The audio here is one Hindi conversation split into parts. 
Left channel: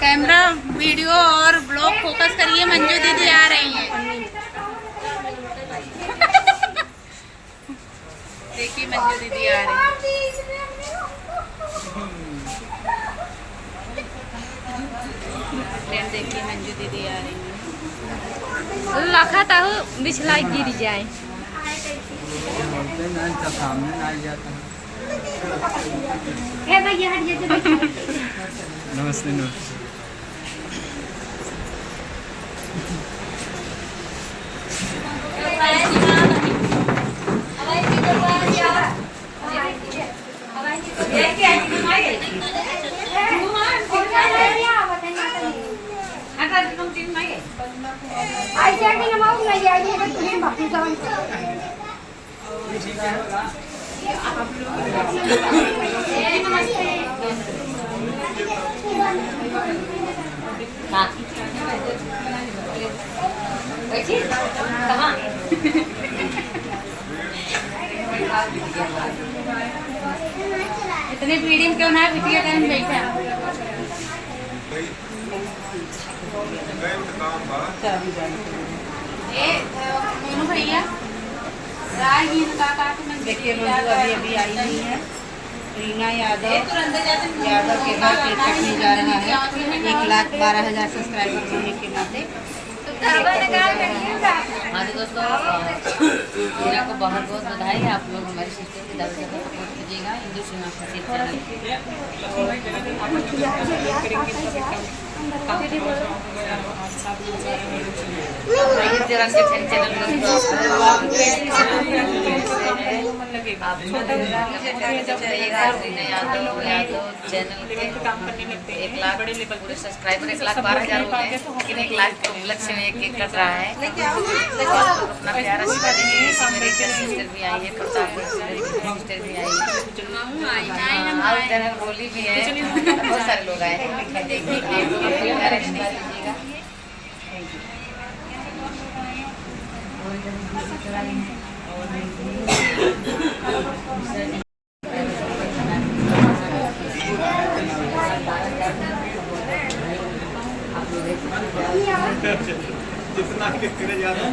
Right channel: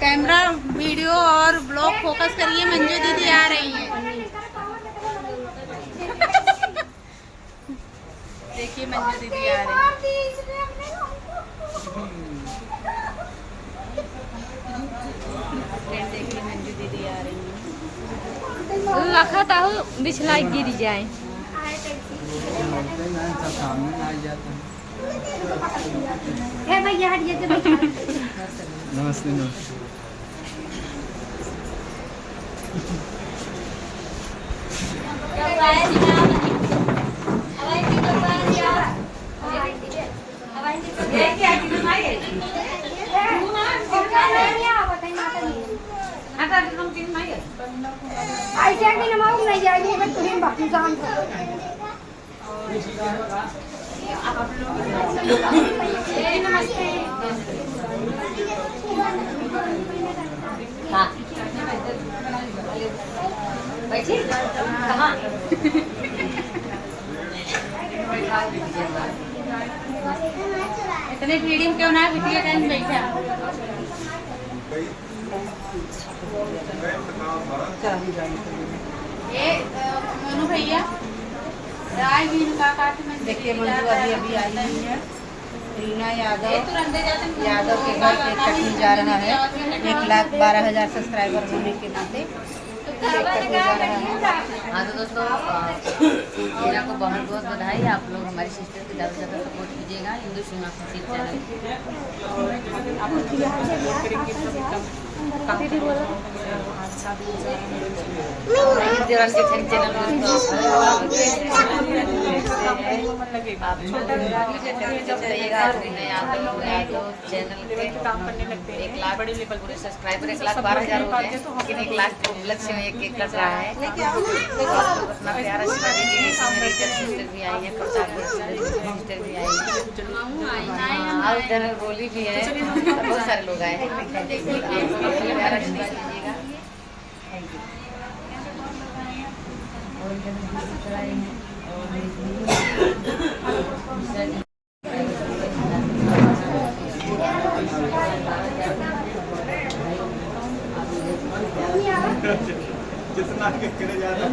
कैमरा वीडियो और ब्लॉग फोकस करिए, मंजू दीदी आ रही हैं। देखिए मंजू दीदी आ रही है। देखिए मंजू दीदी आ रही है। लखा था बिछला गिर जाए। सामने ना जाता नमस्ते नमस्ते। इतने मीडियम क्यों ना पिछले टाइम बैठा भैया। देखिए मंजू अभी अभी आई नहीं है। रीना यादव यादव के घर पे कटनी जा रहा है 1,12,000 सब्सक्राइबर होने के नाते। हाँ तो दोस्तों रीना को बहुत बहुत बधाई। आप लोग हमारी सिस्टर की ज़्यादा से ज़्यादा सपोर्ट कीजिएगा इंदु सिंह चैनल। काम करने लगते हैं 1 लाख बड़े लेवल पे सब्सक्राइबर 1,12,000 हो गए, लेकिन 1 लाख लक्ष्य में एक कर रहा है। अपना प्यारा सिस्टर भी आई है, सिस्टर भी आई है और चैनल बोली भी है। बहुत सारे लोग आए हैं। जितना करे जाता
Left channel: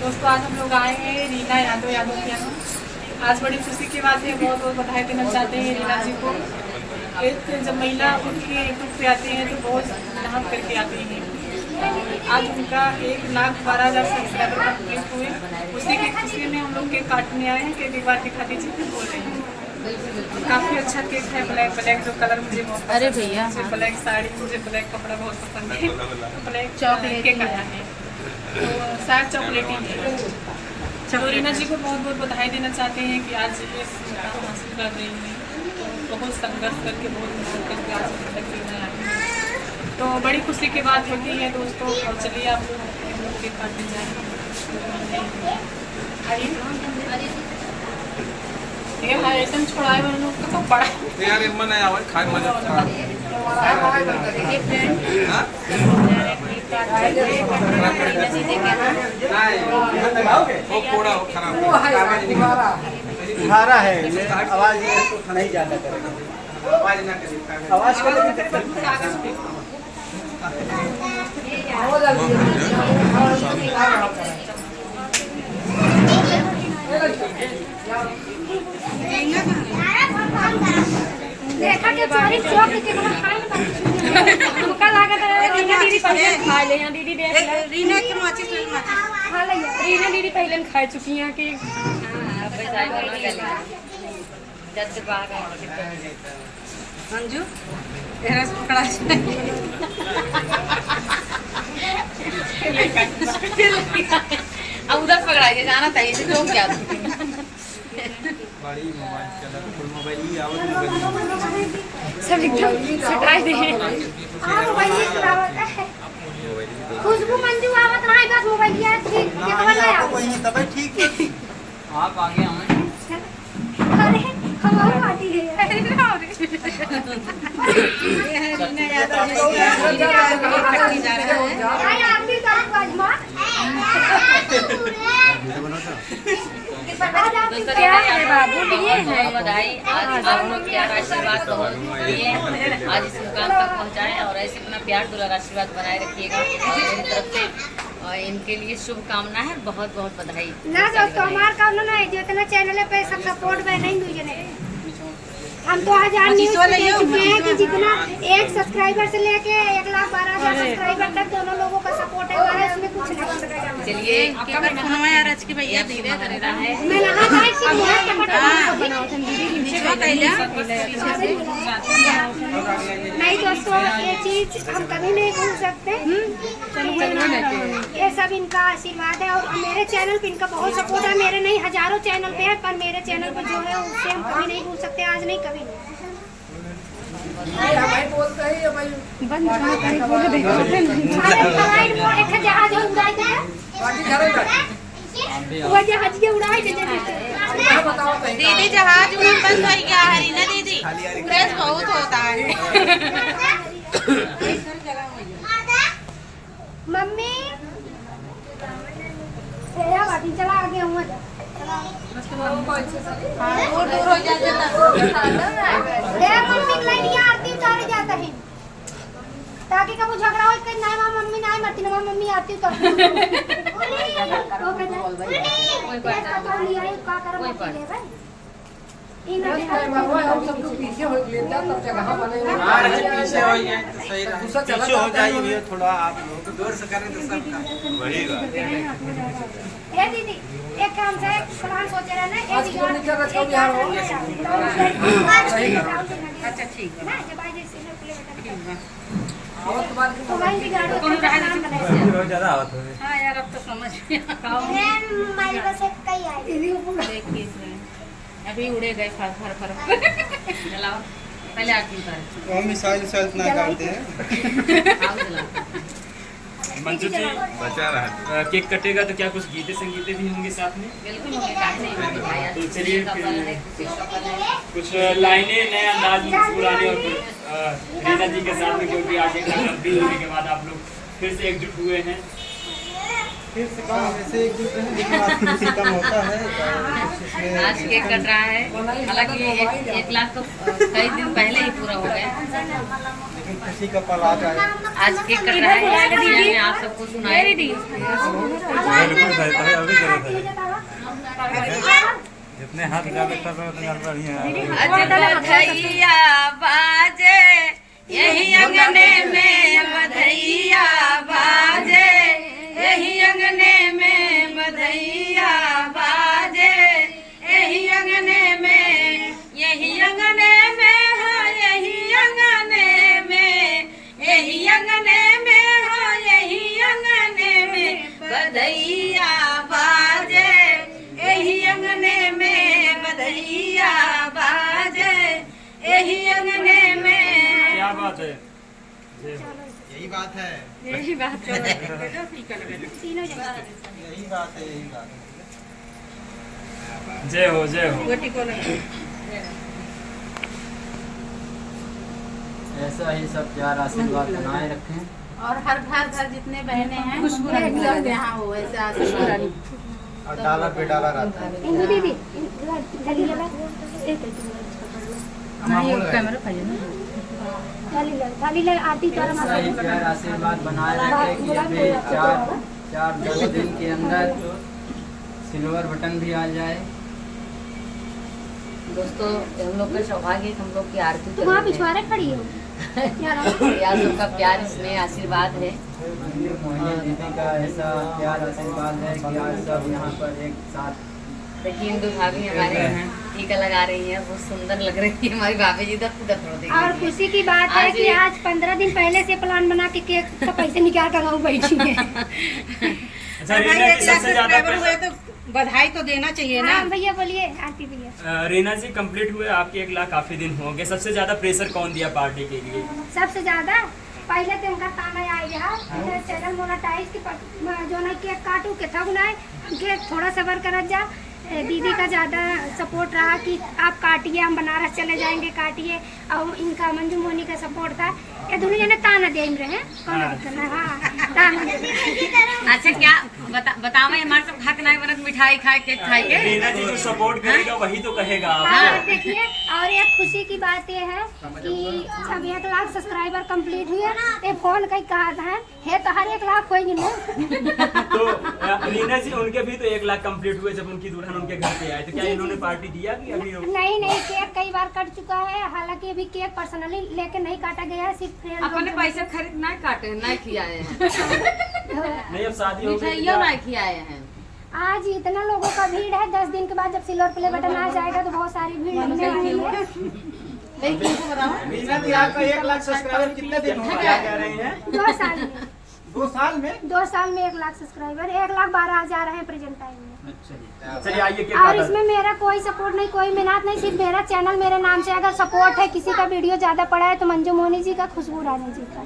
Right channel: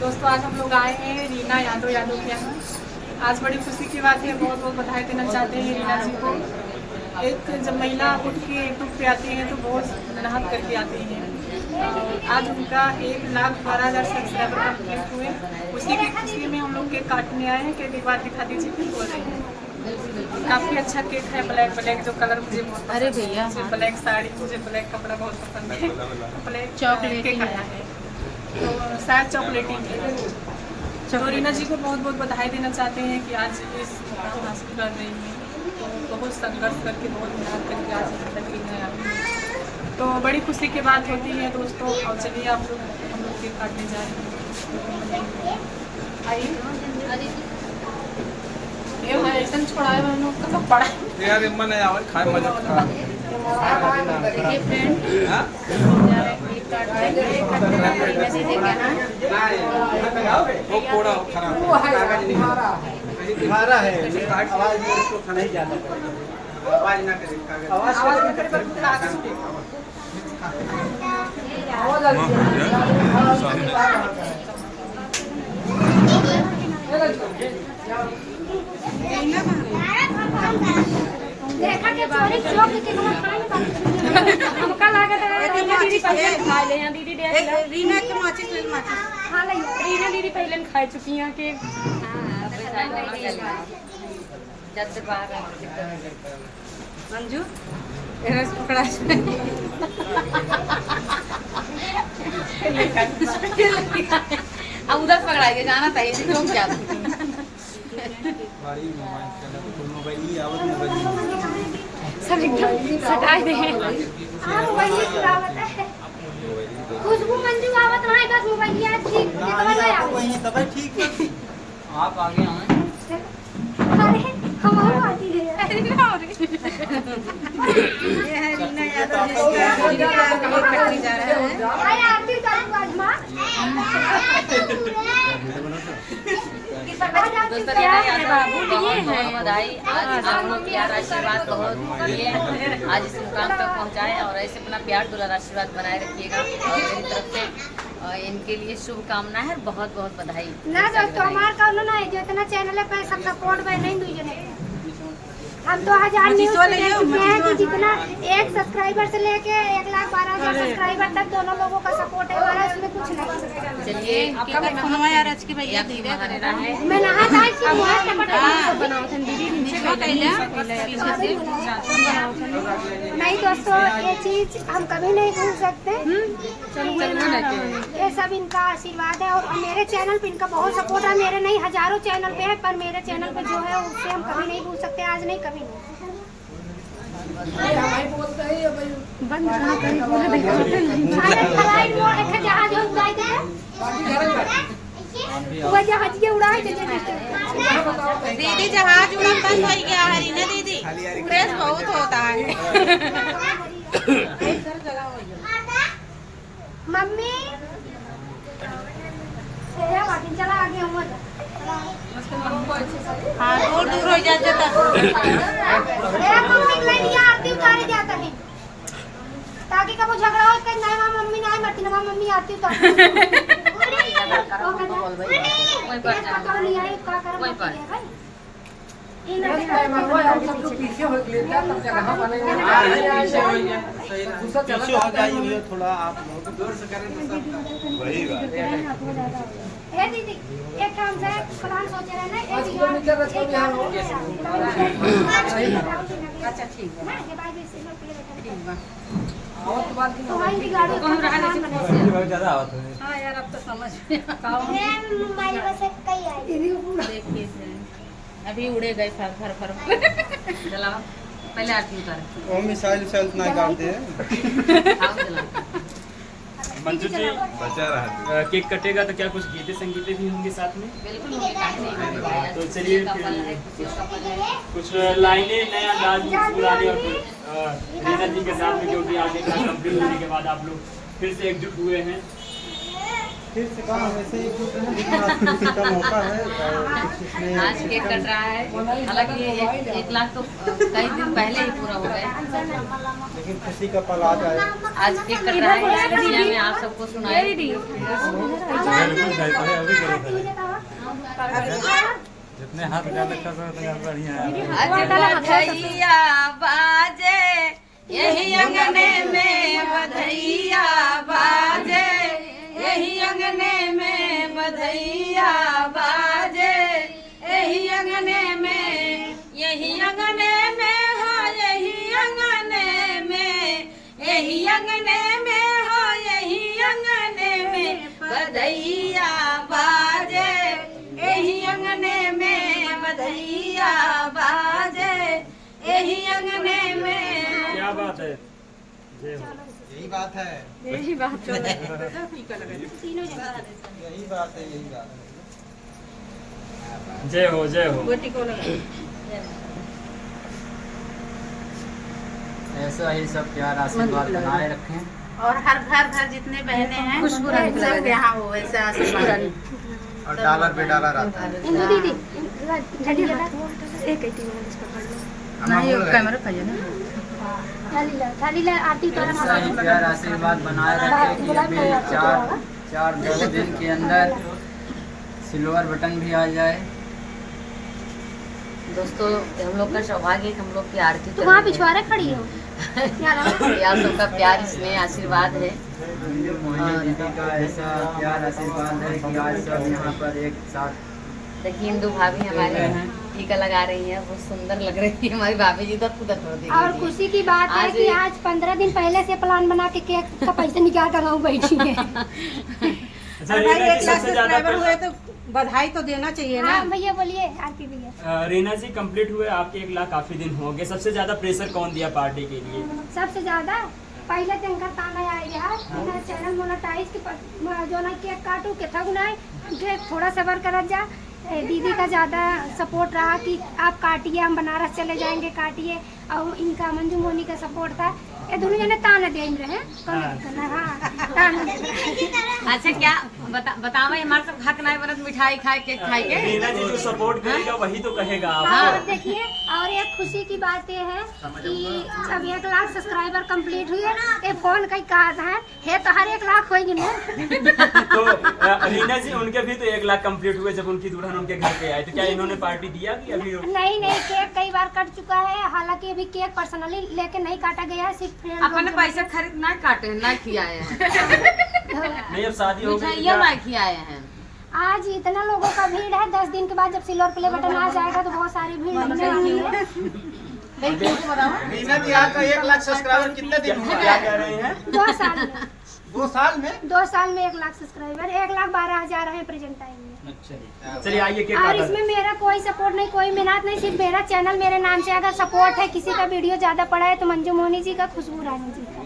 दोस्तों आज हम लोग आए हैं रीना यादव के यहाँ। आज बड़ी खुशी की बात है, बहुत बहुत बधाई देना चाहते हैं रीना जी को। एक जब महिला उठ के यूट्यूब पे आती है तो बहुत मेहनत करके आती है। आज उनका 1,12,000 सब्सक्राइबर कंप्लीट हुए। उसी की खुशी में हम लोग केक काटने आए हैं। केक एक बार दिखा दीजिए। बोल रहे हैं काफ़ी अच्छा केक है। ब्लैक ब्लैक जो कलर मुझे बहुत अरे भैया ब्लैक साड़ी, मुझे ब्लैक कपड़ा बहुत पसंद है। ब्लैक चॉकलेट केक आया है तो शायद चॉकलेटी है। तो रीना जी को बहुत बहुत बधाई देना चाहते हैं कि आज इस मुकाम हासिल कर रही हैं। तो बहुत संघर्ष करके बहुत मेहनत करके आज तक रीना आई है। तो बड़ी खुशी की बात होती है दोस्तों। और चलिए आप हम लोग केक काटने जा रहे हैं। आइए ये भाई ऐसा छोड़ा है हम लोग का कपड़ा यार मन है और खाए मजा तुम्हारा है ये आवाज नहीं जाता आवाज ना करे देखा के बारे चोट के हमका लागत है रीना दीदी पहले खा ले हैं। दीदी देख लो रीना की माचिस खा ले। रीना दीदी पहले खा चुकी हैं कि हां अब साइड में ना चलेगा जब से बाहर आ मंजू तेरा पकड़ा अब उधर पकड़ाइए जाना चाहिए जो क्या बड़ी मोबाइल चला फुल मोबाइल ही आवत मोबाइल सब एकदम सटा दे हैं। खुशबू मंजू आवत रहा है बस मोबाइल यार ठीक के कवर ले आओ कोई नहीं तब ठीक है। आप आगे आए अरे हमारी पार्टी है भाई आप भी करो आज माँ दोस्तों रीना यादव बहुत बहुत बधाई। आज आप लोग प्यार आशीर्वाद बहुत दिए, आज इस मुकाम तक पहुंचाए और ऐसे अपना प्यार दुलार आशीर्वाद बनाए रखिएगा। और मेरी तरफ से इनके लिए शुभकामना है, बहुत बहुत बधाई। ना दोस्तों हमारे काम ना है जितना चैनल पे सब सपोर्ट में नहीं दूजने हम 2000 न्यूज़ पे दे चुके हैं कि जितना एक सब्सक्राइबर से लेके 1,12,000 सब्सक्राइबर तक दोनों लोगों का सपोर्ट है हमारा, इसमें कुछ नहीं। चलिए आपका फोन यार आज की भैया अच्छी महानता है। मैं यहाँ जाए कि मुहर नहीं दोस्तों, ये चीज हम कभी नहीं भूल सकते। ये सब इनका आशीर्वाद है और मेरे चैनल पे इनका बहुत सपोर्ट है। मेरे नहीं हजारों चैनल पे है, पर मेरे चैनल पे जो है उससे हम कभी नहीं भूल सकते, आज नहीं कभी नहीं। जहाज उड़ाए थे वो जहाज के उड़ाए थे दीदी जहाज में बंद हो गया है ना दीदी, प्रेस बहुत होता है। मम्मी तेरा बाटी चला आगे हूँ हाँ वो दूर हो जाता था। तेरा मम्मी के लिए आरती उतारे जाता है ताकि कब झगड़ा हो कि नहीं माँ मम्मी नहीं मरती ना मम्मी आरती उतार पीछे हो जाइए थोड़ा, आप लोग दूर से करें तो सब वही ए दीदी एक काम से प्लान सोचे रहे ना अच्छा ठीक है। ना जब आज ऐसे ना प्ले आवत के बाद तुम्हारी बिगाड़ो बहुत ज्यादा आवत है। हाँ यार अब तो समझ में मारी बस एक कई आई देखिए अभी उड़े गए फर फर फर। जलाओ, पहले आरती उतारे। वो मिसाइल सेल्फ ना करते हैं। आप जलाओ। मंजू जी केक कटेगा तो क्या कुछ गीते संगीते भी होंगे साथ में? बिल्कुल होंगे, काहे नहीं होंगे भाई। आज तो चलिए खुशी का पल है, खुशी का पल है। कुछ लाइनें नए अंदाज में मुस्कुराने और रीना जी के साथ में, क्योंकि आज एक लंबी दूरी के बाद आप लोग फिर से एकजुट हुए हैं। फिर से कहा वैसे एक दूसरे में लेकिन आपकी खुशी कम होता है। आज केक कट रहा है, हालांकि 1 लाख तो कई दिन पहले ही पूरा हो गए, लेकिन खुशी का पल आ जाए। आज केक कट रहा है। मैंने आप सबको सुनाया। जितने हाथ डाले सब बढ़िया। बधैया बाजे यही अंगने में, बधैया बाजे यही अंगने में, बधैया बाजे यही अंगने में, यही अंगने में हो, यही अंगने में, यही अंगने में हो, यही अंगने में बधैया बाजे यही अंगने में, बधैया बाजे यही अंगने में। क्या बात है, यही बात है, यही बात है। यही बात है, यही बात है। जय हो जय हो। गोटी को लगा। ऐसा ही सब प्यार आशीर्वाद बनाए रखें और हर घर जितने बहने हैं खुशबू सब यहाँ हो, ऐसा आशीर्वाद। और डॉलर पे डॉलर आता है। इंदु दीदी जल्दी जला नहीं कैमरा पाइए ना। थाली ले आरती उतारा ऐसा ही प्यार आशीर्वाद बनाए रखें कि अभी 4 दिन के अंदर सिल्वर बटन भी आ जाए। दोस्तों हम लोग का सौभाग्य है कि हम लोग की आरती तुम वहाँ पिछवाड़े खड़ी हो ये आप सबका प्यार स्नेह आशीर्वाद है। दीदी का ऐसा प्यार आशीर्वाद है कि आज सब यहाँ पर एक साथ। देखिए इंदु भाभी हमारे टीका लगा रही है, बहुत सुंदर लग रही है हमारी भाभी जी। इधर उधर थोड़ा देखिए। और खुशी की बात है कि आज 15 दिन पहले से प्लान बना के केक का पैसे निकाल कर हम बैठी है। अच्छा, भाई रीना 1 जी, लाख सबसे ज्यादा सब्सक्राइबर हुए तो बधाई तो देना चाहिए ना। हाँ भैया बोलिए आरती भैया। रीना जी कंप्लीट हुए आपके 1 लाख काफी दिन हो गए। सबसे ज्यादा प्रेशर कौन दिया पार्टी के लिए? सबसे ज्यादा पहले तो इनका ताना आई है चैनल मोनेटाइज के जो ना केक काटू के थक ना के थोड़ा सबर कर जा दीदी का ज़्यादा सपोर्ट रहा कि आप काटिए, हम बनारस चले जाएंगे, काटिए। और इनका मंजू मोनी का सपोर्ट था। ये दोनों जने ताना दे रहे हैं, कौन दिक्कत है? हाँ, ताना दे रहे। अच्छा क्या बतावा हमारे सब खाक नहीं बनत, मिठाई खाए केक खाए के रीना जी जो सपोर्ट करेगा वही तो कहेगा। हाँ, देखिए, और एक खुशी की बात ये है कि जब 1 लाख सब्सक्राइबर कंप्लीट हुए, ये फोन कहीं कहा है तो हर 1 लाख होगी ना। तो रीना जी उनके भी तो 1 लाख कंप्लीट हुए जब उनकी दुल्हन उनके घर पे आई, तो क्या इन्होंने पार्टी दिया कि अभी? नहीं, केक कई बार कट चुका है। हालांकि अभी केक पर्सनली लेके नहीं काटा गया है, सिर्फ फ्रेंड अपने पैसा खरीद ना काटे ना खिलाए हैं, नहीं अब शादी हो गई मिठाइयाँ ना खिलाए हैं। आज इतना लोगों का भीड़ है। 10 दिन के बाद जब सिल्वर प्ले बटन आ जाएगा तो बहुत सारी भीड़ लगने वाली है। रीना जी आपका 1 लाख सब्सक्राइबर कितने दिन हो गए? 2 साल में 2 साल में 2 साल में 1 लाख सब्सक्राइबर, 1,12,000 है प्रेजेंट टाइम में। चलिए आइए केक और इसमें मेरा कोई सपोर्ट नहीं, कोई मेहनत नहीं, सिर्फ मेरा चैनल मेरे नाम से अगर सपोर्ट है, किसी का वीडियो ज्यादा पड़ा है तो मंजू मोनी जी का, खुशबू रानी जी का।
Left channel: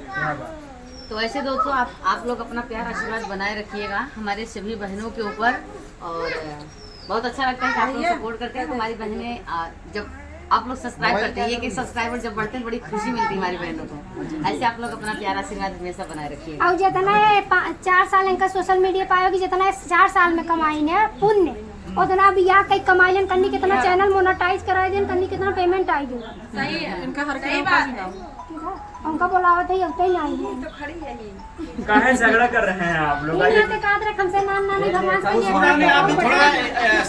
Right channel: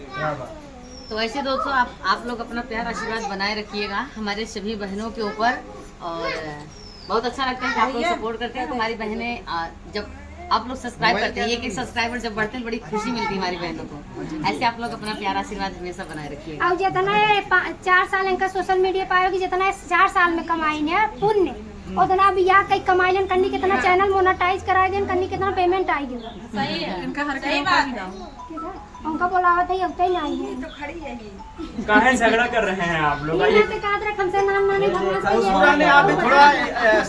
तो ऐसे दोस्तों आप लोग अपना प्यार आशीर्वाद बनाए रखिएगा हमारे सभी बहनों के ऊपर। और बहुत अच्छा लगता है कि आप लोग सपोर्ट करते हैं। हमारी बहनें जब आप लोग सब्सक्राइब करते हैं, एक सब्सक्राइबर जब बढ़ते हैं बड़ी खुशी मिलती है हमारी बहनों को। ऐसे आप लोग अपना प्यार आशीर्वाद हमेशा बनाए रखिएगा। और जितना 4 साल इनका सोशल मीडिया पाएगी, जितना 4 साल में कमाई है पुण्य, उतना भी यहाँ कहीं कमाई लेन करनी, कितना चैनल मोनेटाइज कराए देन करनी, कितना पेमेंट आएगी। इनका हर उनका बोलावत है, अब तक नहीं आई है। कहाँ झगड़ा कर रहे हैं आप लोग? हमसे नाम नानी भगवान से सुबह में आप थोड़ा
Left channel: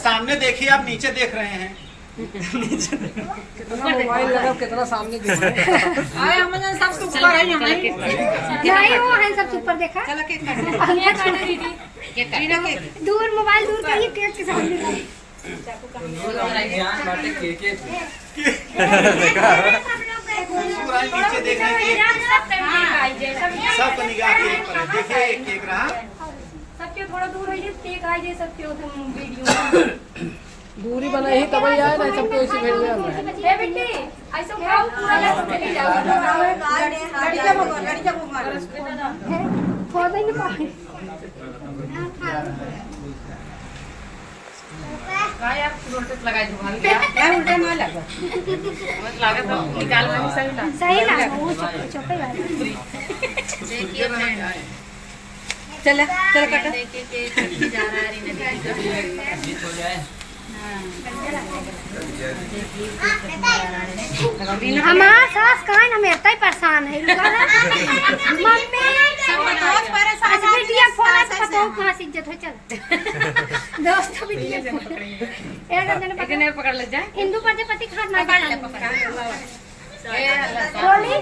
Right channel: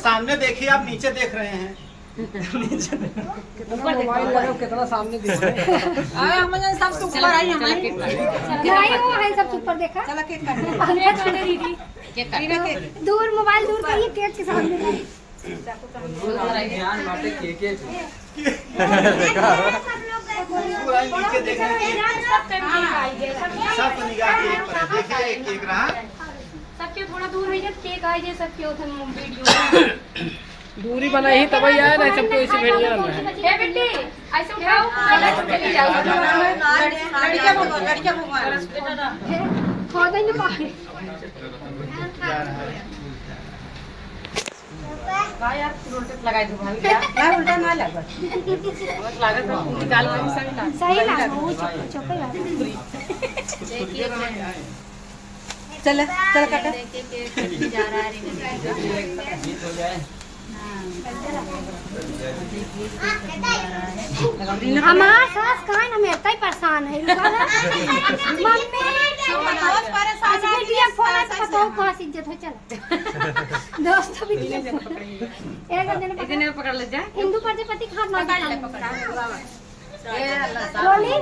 सामने देखिए, आप नीचे देख रहे हैं। कितना मोबाइल लगा, कितना सामने दिख रहा है। आए हम सब सुपर है हमारे नहीं, वो है सब ऊपर देखा। चलो केक काट दीदी, केक काट। दूर मोबाइल दूर करिए, केक के सामने नीचे देख रहे हैं, सब निगाह केक पर देखिए। एक केक रहा, सबके थोड़ा दूर है, केक आ जाए सबके उधर वीडियो दूरी बनाई तब ही आया, नहीं सबको इसी भेजिए। ए बेटी ऐसे उठाओ, चले जाओ। लड़कियां भगवान खोद नहीं पाए। का यार रोटेट लगाई दुकान क्या यार उल्टा ना लगा, बहुत लागत है निकाल वाली सही ना सही लगा, वो चौके वाला। देखिए चल काका देखिए जा रहा है रीना जी हो जाए। हमारा सास कहाँ है ना, मेरे तय परेशान है। मम्मी अच्छा बेटिया फोन है तो बताओ कहाँ से इज्जत है। चल दोस्तों बेटिया एक ने पकड़ ले जाए हिंदू प्रजापति खाना ए अल्लाह रोली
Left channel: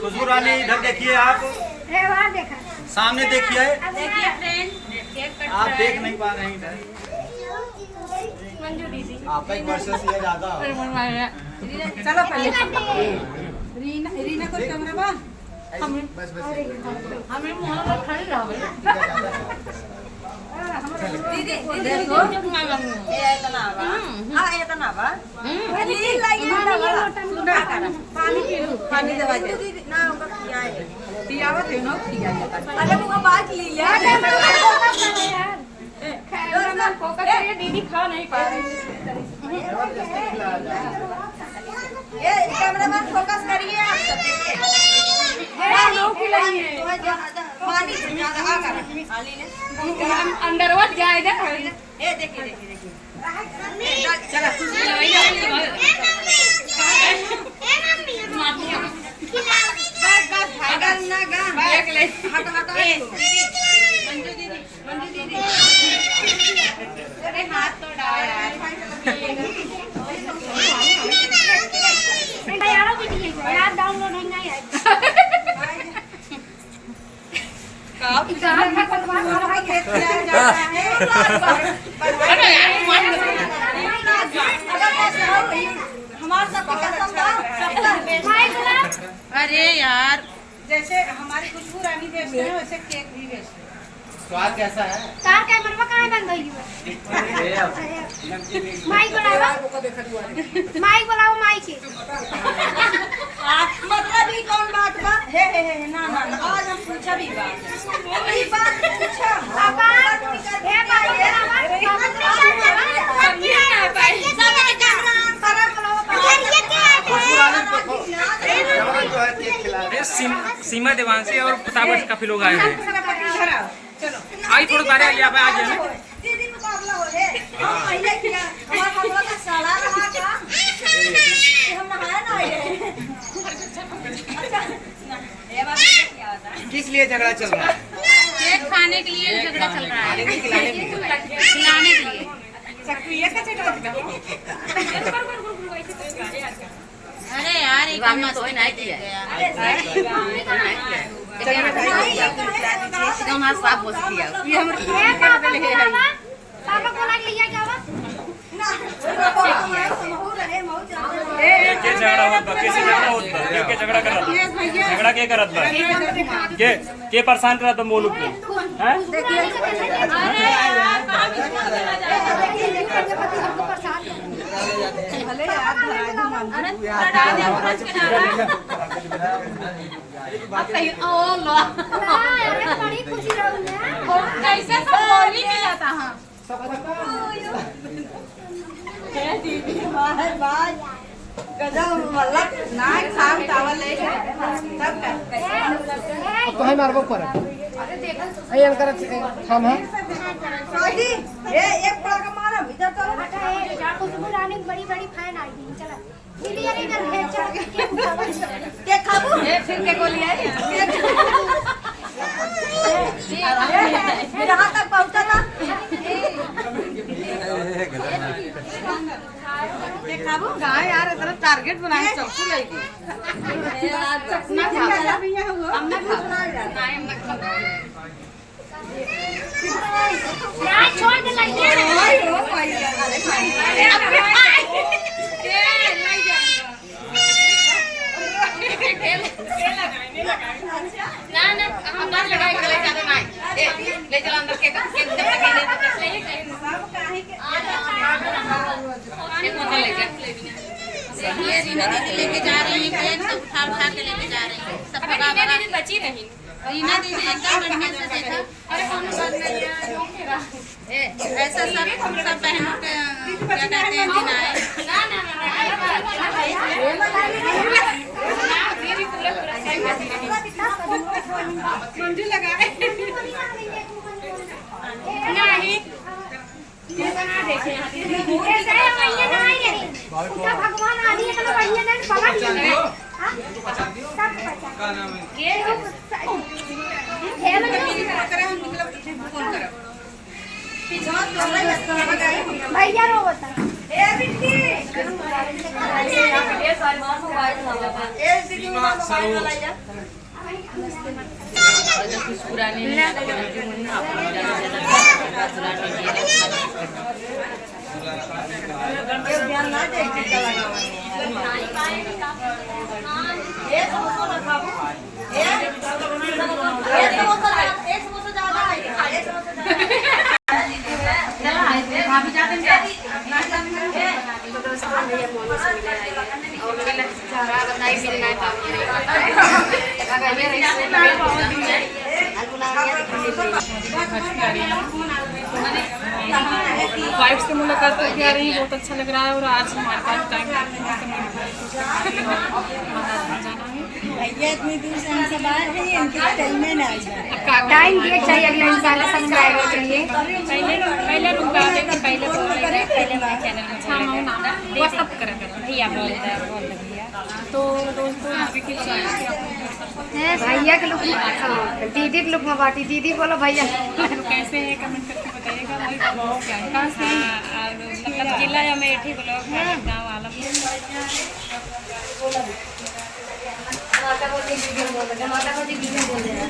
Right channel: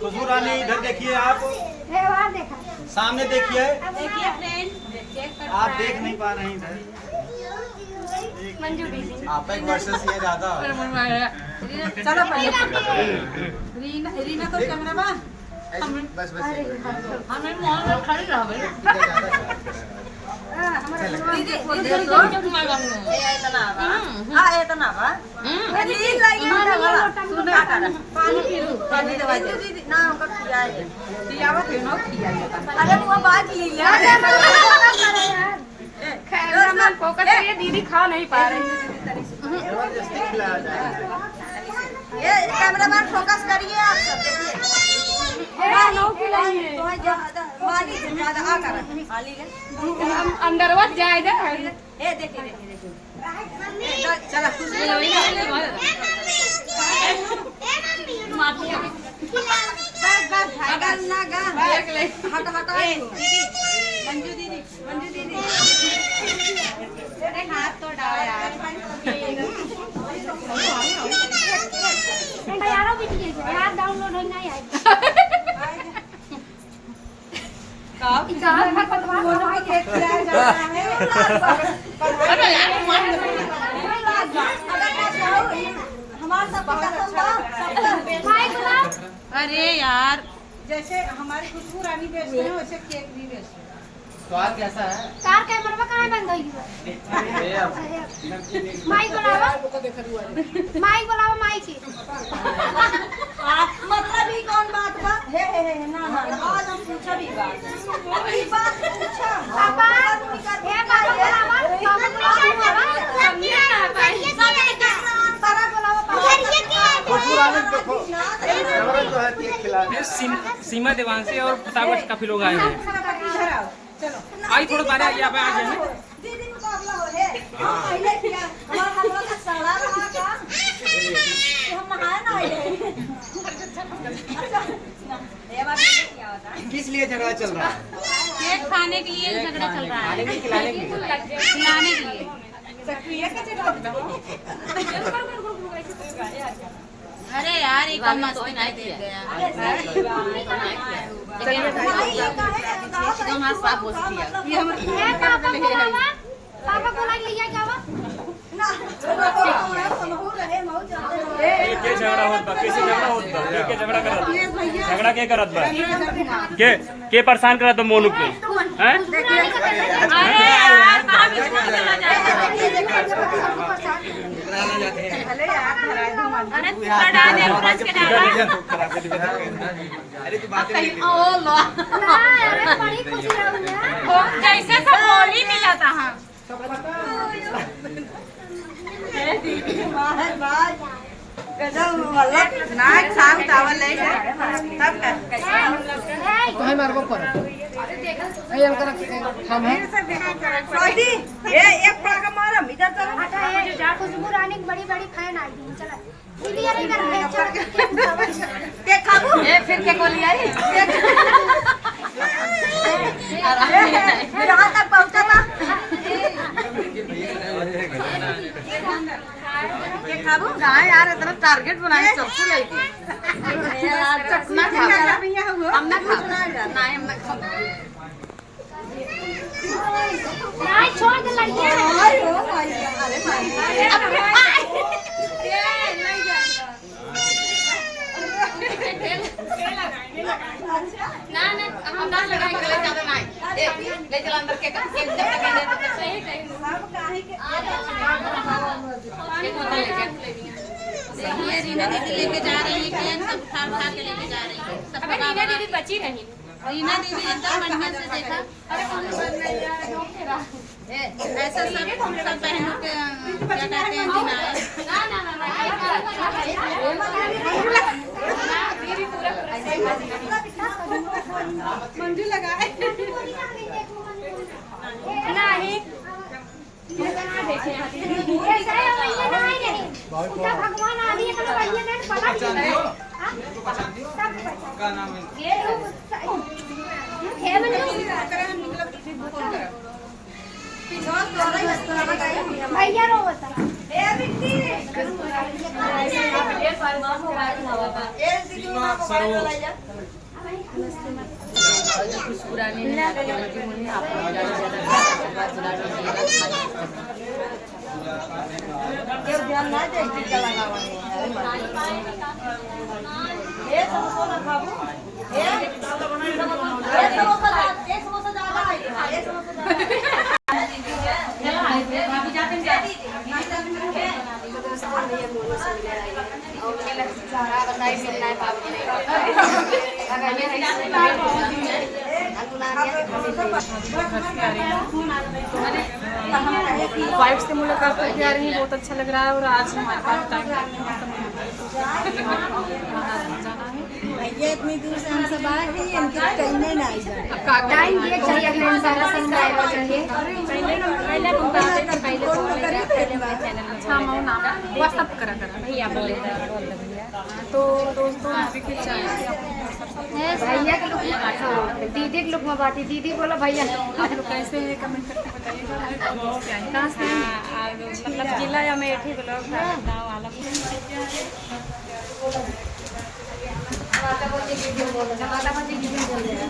खुशबू रानी इधर देखिए, आप देखा सामने देखिए, फ्रेंड आप देख नहीं पा रहे हैं इधर। मंजू दीदी आप एक वर्ष से ज्यादा चलो पहले रीना को कैमरा बा बस हमें मोहन में खड़े रहो दीदी देखो ए इतना बा हां इतना बा ली लाई सुना कर पानी पी लो, पानी दवा दे दीदी ना हमको खिया है पियावा थे ना खिया लेता। अरे वो बात ली लिया कैमरा फोकस करिए, दीदी खा नहीं पा रही। ये कैमरामैन फोकस करिए, आप सब देखिए पानी ज्यादा आ कर पानी ले अंदर वत जाएगा। ए देखिए चलो कुछ अगर ना गा देख ले हट हट मंजू दीदी तेरे हाथ तो डाल यार वीडियो यार डाउनलोड होना ही है। हमारा माई गुलाब अरे यार जैसे हमारी खुशबू रानी बेचते हैं वैसे केक भी बेचते हैं। स्वाद कैसा है? तार कैमरा कहाँ बंद हुई है माई बुलावा माई बुलावा माई की मतलब ही कौन बात बा? हे ना आज हम पूछा भी बात ई बात पूछा पापा हे पापा बुलावा समझा ना भाई सारा बुलावा ये क्या है सीमा देवांशी और प्रताप काफी लोग आए हैं। चलो आई थोड़ा बारे यहाँ पे आ जाए। दीदी मुकाबला हो है हम पहले किया हमारा हमारा का साला रहा का कि हम नहाए ना आए अच्छा ना ये बात क्या होता है किस लिए झगड़ा चल रहा है? केक खाने के लिए झगड़ा चल रहा है, खिलाने के लिए। सक्रिय का चटक अरे यार एक हमें तो नहीं दिया। चलिए भाई एकदम हाथ साफ हो सकती है। ये हम पापा को लाग लिया क्या हुआ के झगड़ा होता किसी झगड़ा होता के झगड़ा करत झगड़ा के करत बा के परेशान करत मोनू को हैं? अरे बड़ी खुशी रहूंगा कैसे सब बोली मिला था। हाँ खुशबू रानी की बड़ी बड़ी फैन आई थी चला दीदी अरे इधर भेज चढ़ के फिर क्या बोली आई मेरा हाथ तक पहुंचा था खाबू कहाँ यार इतना टारगेट बनाए चक्कू लेके ना खाओ हम ना खाओ नहीं हम ना खाओ यार छोड़ के लग गया ना ना हम बस लगा के ले जाते नहीं ले चलो अंदर के जब तक ले तब तक एक बंदा लेके ये रीना दीदी लेके जा रही है केक सब उठा के लेके जा रही है। अबे रीना दीदी बची रही रीना दीदी एकदम बढ़िया से देखा। अरे कौन बात नहीं ऐसा सब हम सब बहनों के क्या कहते हैं ना ना ना दीदी पूरा मंजू लगाए नहीं बना देखे ऐसे वही ना आई रही उनका भगवान आदि है तो वही ने पकड़ लिया का नाम है ये खेल में भैया रो बता ए बिट्टी और जब कुछ पुराने आप लोग ज़्यादा से ज़्यादा दुला भाभी जाते हैं वाइफ से मुलाकात करके आ रही है, बहुत अच्छा लग रहा है। और आज हमारे पास टाइम जाना है। भैया इतनी दूर से हम सब आए हैं इनके टाइम में ना आई जाए टाइम ये चाहिए अपने सारा सब्सक्राइबर चाहिए पहले तुमको आते थे, पहले चैनल में व्हाट्सअप करा भैया बोल तो दोस्तों अभी के भैया के लुक दीदी के लुक में बाटी दीदी बोलो भैया आप लोग कैसे हैं कमेंट करके बताइएगा। क्या है कहाँ से मतलब जिला अमेठी ब्लॉक गाँव वाला माता को दीदी बोल रहे हैं